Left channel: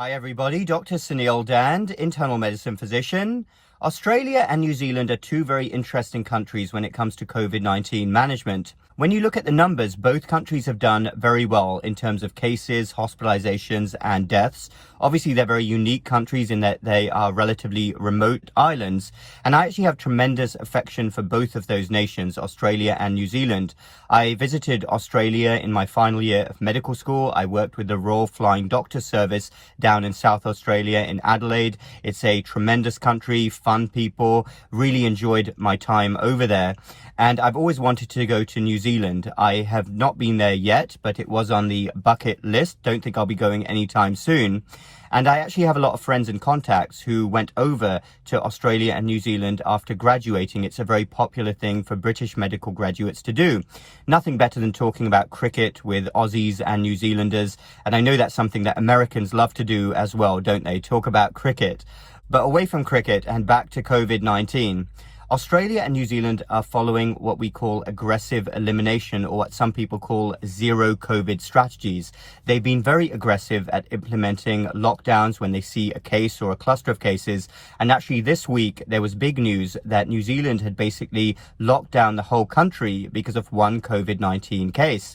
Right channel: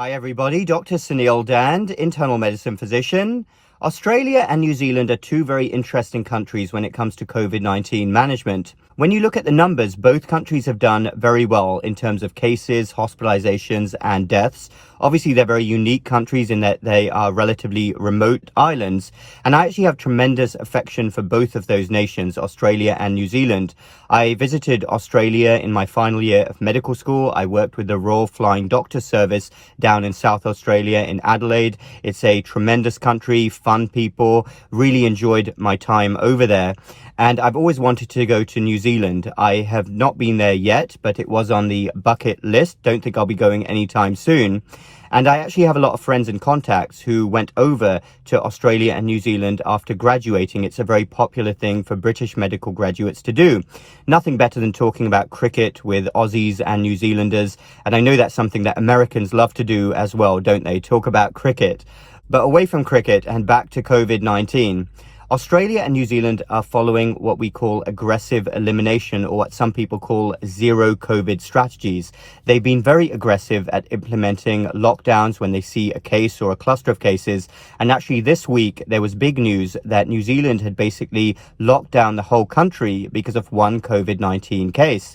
Hi everybody, Dr. Suneel Dhand, internal medicine physician. Australia and New Zealand are two very interesting countries when it comes to COVID-19 management. When you look at the numbers, both countries have done very well in terms of cases, hospitalizations and deaths. Obviously, they're very unique countries in that they are relatively remote islands. And I actually have tremendous affection for both of those nations, Australia and New Zealand. I visited Australia in my final year of medical school. I worked with the Royal Flying Doctor Service down in South Australia in Adelaide. It's a tremendous country, fun people, really enjoyed my time over there. And I've always wanted to go to New Zealand. I have not been there yet, but it was on the bucket list. Don't think I'll be going anytime soon. And I actually have a lot of friends and contacts who went over to Australia and New Zealand after graduating. It's a very popular thing for British medical graduates to do. Nothing better than talking about cricket with Aussies and New Zealanders. And I know that's something that Americans love to do as well, don't they? Talk about cricket. But away from cricket and back to COVID-19. Australia and New Zealand are following what we call aggressive elimination, or what some people call zero COVID strategies. They've been very aggressive at implementing lockdowns when they see a case or a cluster of cases. And actually this week, there was big news that New Zealand had basically locked down the whole country because of one COVID-19 case.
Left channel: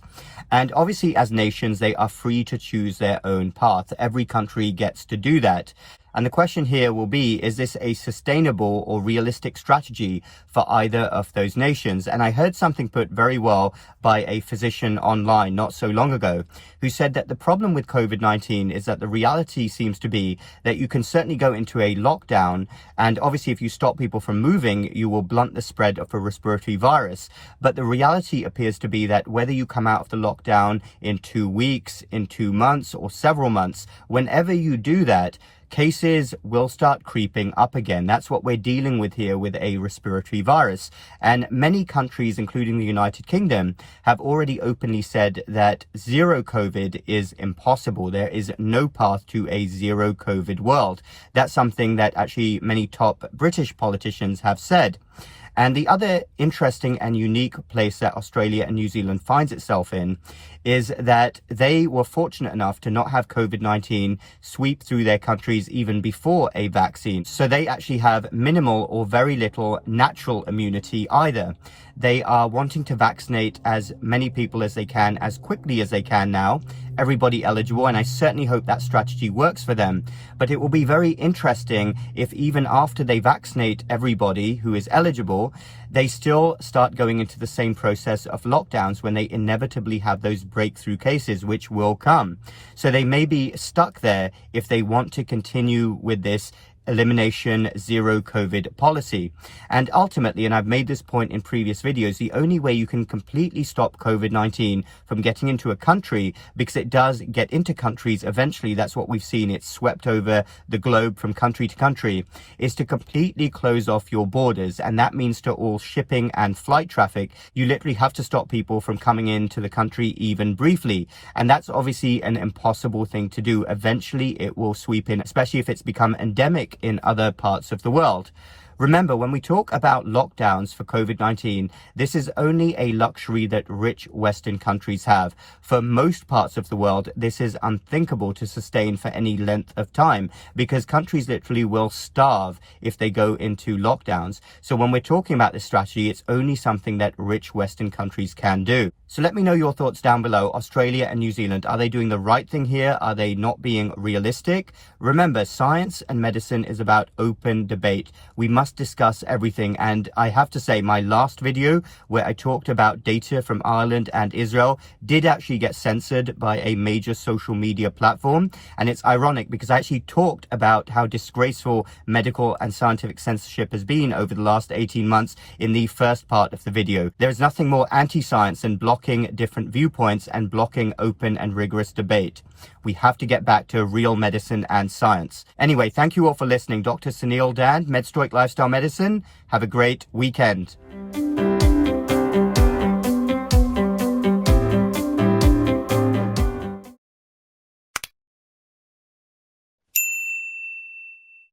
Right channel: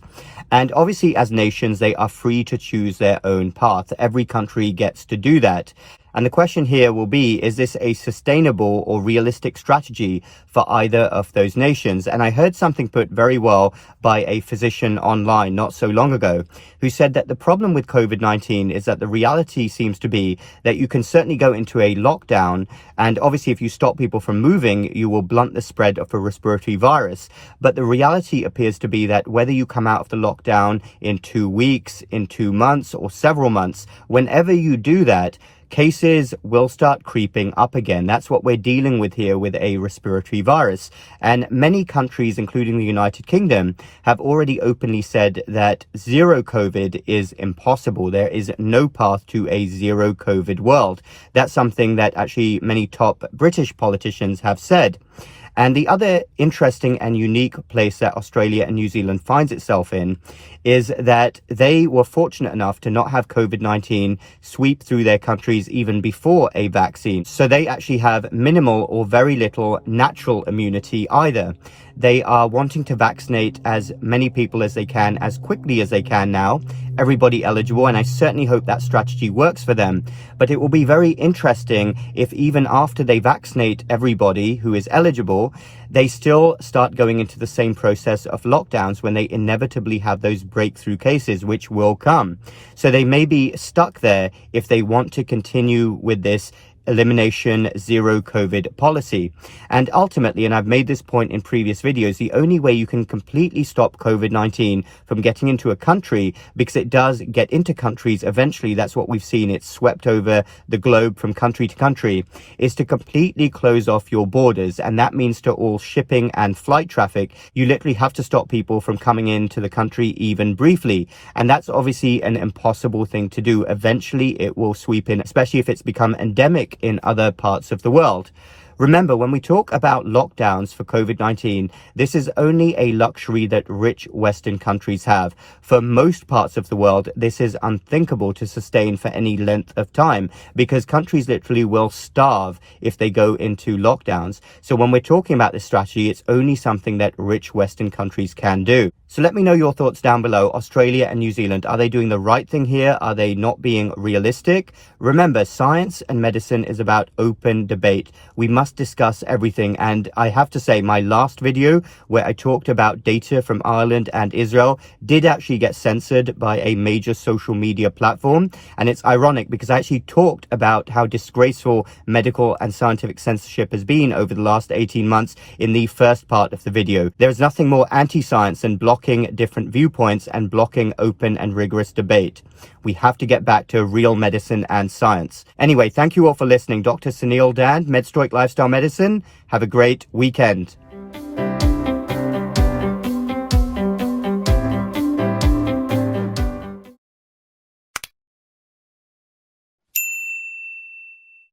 And obviously, as nations, they are free to choose their own path. Every country gets to do that. And the question here will be, is this a sustainable or realistic strategy for either of those nations? And I heard something put very well by a physician online not so long ago, who said that the problem with COVID-19 is that the reality seems to be that you can certainly go into a lockdown. And obviously, if you stop people from moving, you will blunt the spread of a respiratory virus. But the reality appears to be that whether you come out of the lockdown in 2 weeks, in 2 months, or several months, whenever you do that, cases will start creeping up again. That's what we're dealing with here with a respiratory virus. And many countries, including the United Kingdom, have already openly said that zero COVID is impossible. There is no path to a zero COVID world. That's something that actually many top British politicians have said. And the other interesting and unique place that Australia and New Zealand finds itself in is that they were fortunate enough to not have COVID-19 sweep through their countries even before a vaccine. So they actually have minimal or very little natural immunity either. They are wanting to vaccinate as many people as they can, as quickly as they can now, everybody eligible, and I certainly hope that strategy works for them. But it will be very interesting if even after they vaccinate everybody who is eligible, they still start going into the same process of lockdowns when they inevitably have those breakthrough cases, which will come. So they may be stuck there if they want to continue with this elimination zero COVID policy. And ultimately, and I've made this point in previous videos, the only way you can completely stop COVID-19 from getting into a country, because it does get into countries eventually, that's what we've seen, it's swept over the globe from country to country, is to completely close off your borders. And that means to all shipping and flight traffic. You literally have to stop people from coming into the country even briefly. And that's obviously an impossible thing to do. Eventually it will sweep in, especially if it's become endemic in other parts of the world. Remember, when we talk about lockdowns for COVID-19, this is only a luxury that rich Western countries have. For most parts of the world, this is unthinkable to sustain for any length of time, because countries literally will starve if they go into lockdowns. So when we're talking about this strategy, it's only something that rich Western countries can do. So let me know your thoughts down below. Australia and New Zealand, are they doing the right thing here? Are they not being realistic? Remember, science and medicine is about open debate. We must discuss everything. And I have to say, my last video where I talked about data from Ireland and Israel did actually get censored by a major social media platform. And it's ironic because I actually talked about how disgraceful medical and scientific censorship has been over the last 18 months in the first part of the video. There is nothing more anti-science than blocking different viewpoints and blocking open and rigorous debate. We have to get back to real medicine and science. Anyway, thank you all for listening. Dr. Suneel Dhand, MedStoic Lifestyle Medicine. Have a great weekend.